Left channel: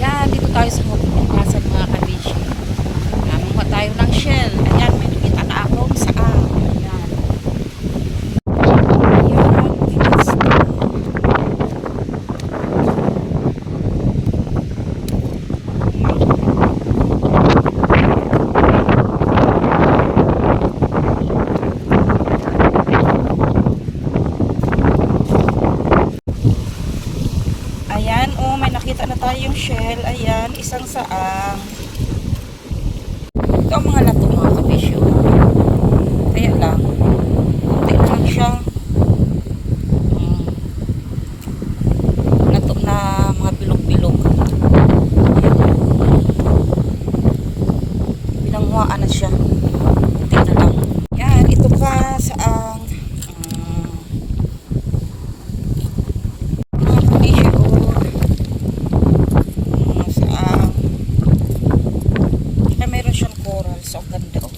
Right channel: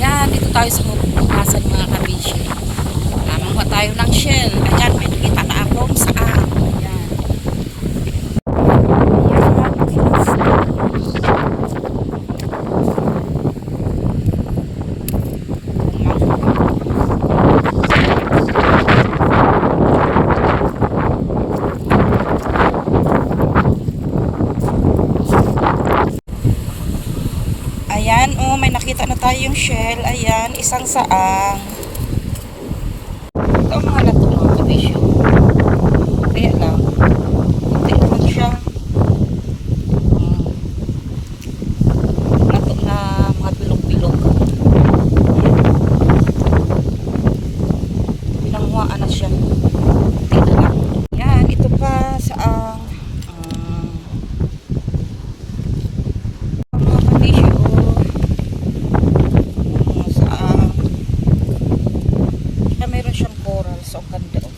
Ayan, dito tayo sa hukasan mga kabishi. Manguha tayo ng shell. Ayan, may nakita na akong saang. Ayan. Ayan, oh, may nakita na tayong shell. Ayan, isang saang. Ito ang mga lato mga kabisyo. Kaya lang, kunti lang siya. Lato na mga bilog-bilog. Ayan. Binanghuaan na siya. Kunti na lang. Ayan, ito pa saang. Mga kabisyo. Meron siyang coral, so ang ganda oh.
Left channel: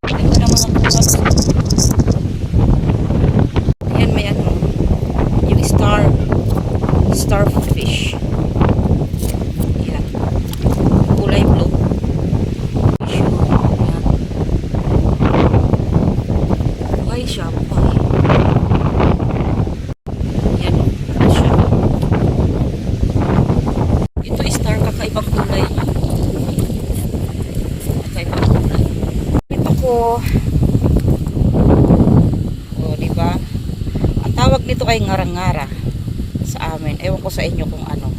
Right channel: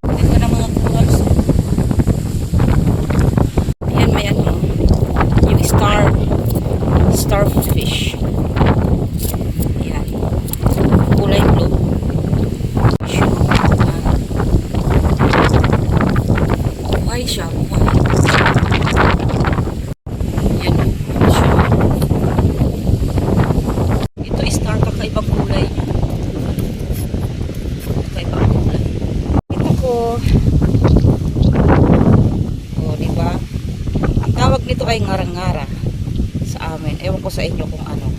Ito na mga coral. Ayan, may ano, yung starfish. Ayan, kulay blue. Buhay siya, buhay. Kakaibang kulay. Kakaibang kulay. Ito ko. O, diba? Ang tawag nito ay ngarang-ngara sa amin. Ewan ko sa inyo kung ano.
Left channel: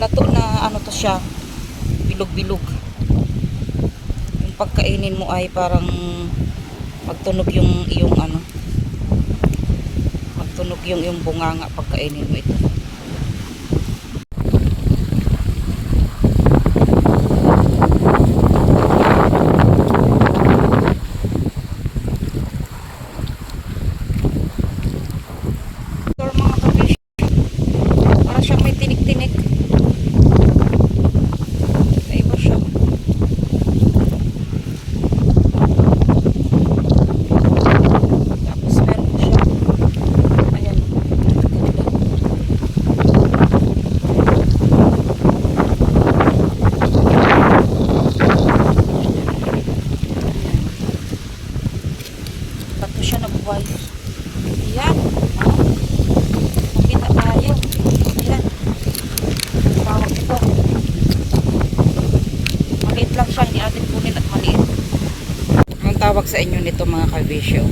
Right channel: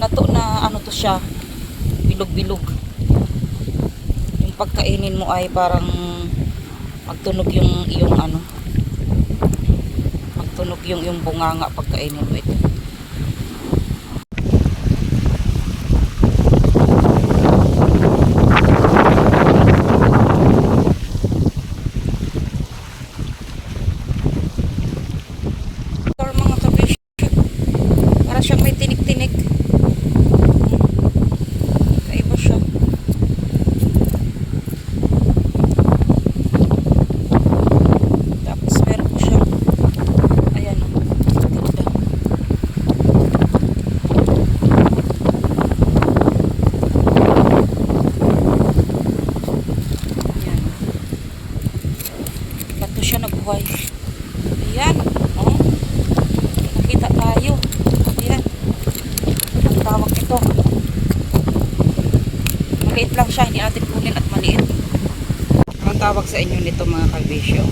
Lato na ano to siya, bilog-bilog. Yung pagkainin mo ay parang magtunog yung ano, magtunog yung bunganga pagkainin mo ito. Ito mga kabish, para siyang may tinik-tinik. Bato siya nabuhay. Ayan. Oh. Nakita tayo. Ayan. Ang tawag ito. Maliit lang siya. Hindi natin kunin at maliit. Ang tawag sa inyo nito mga kabisyo.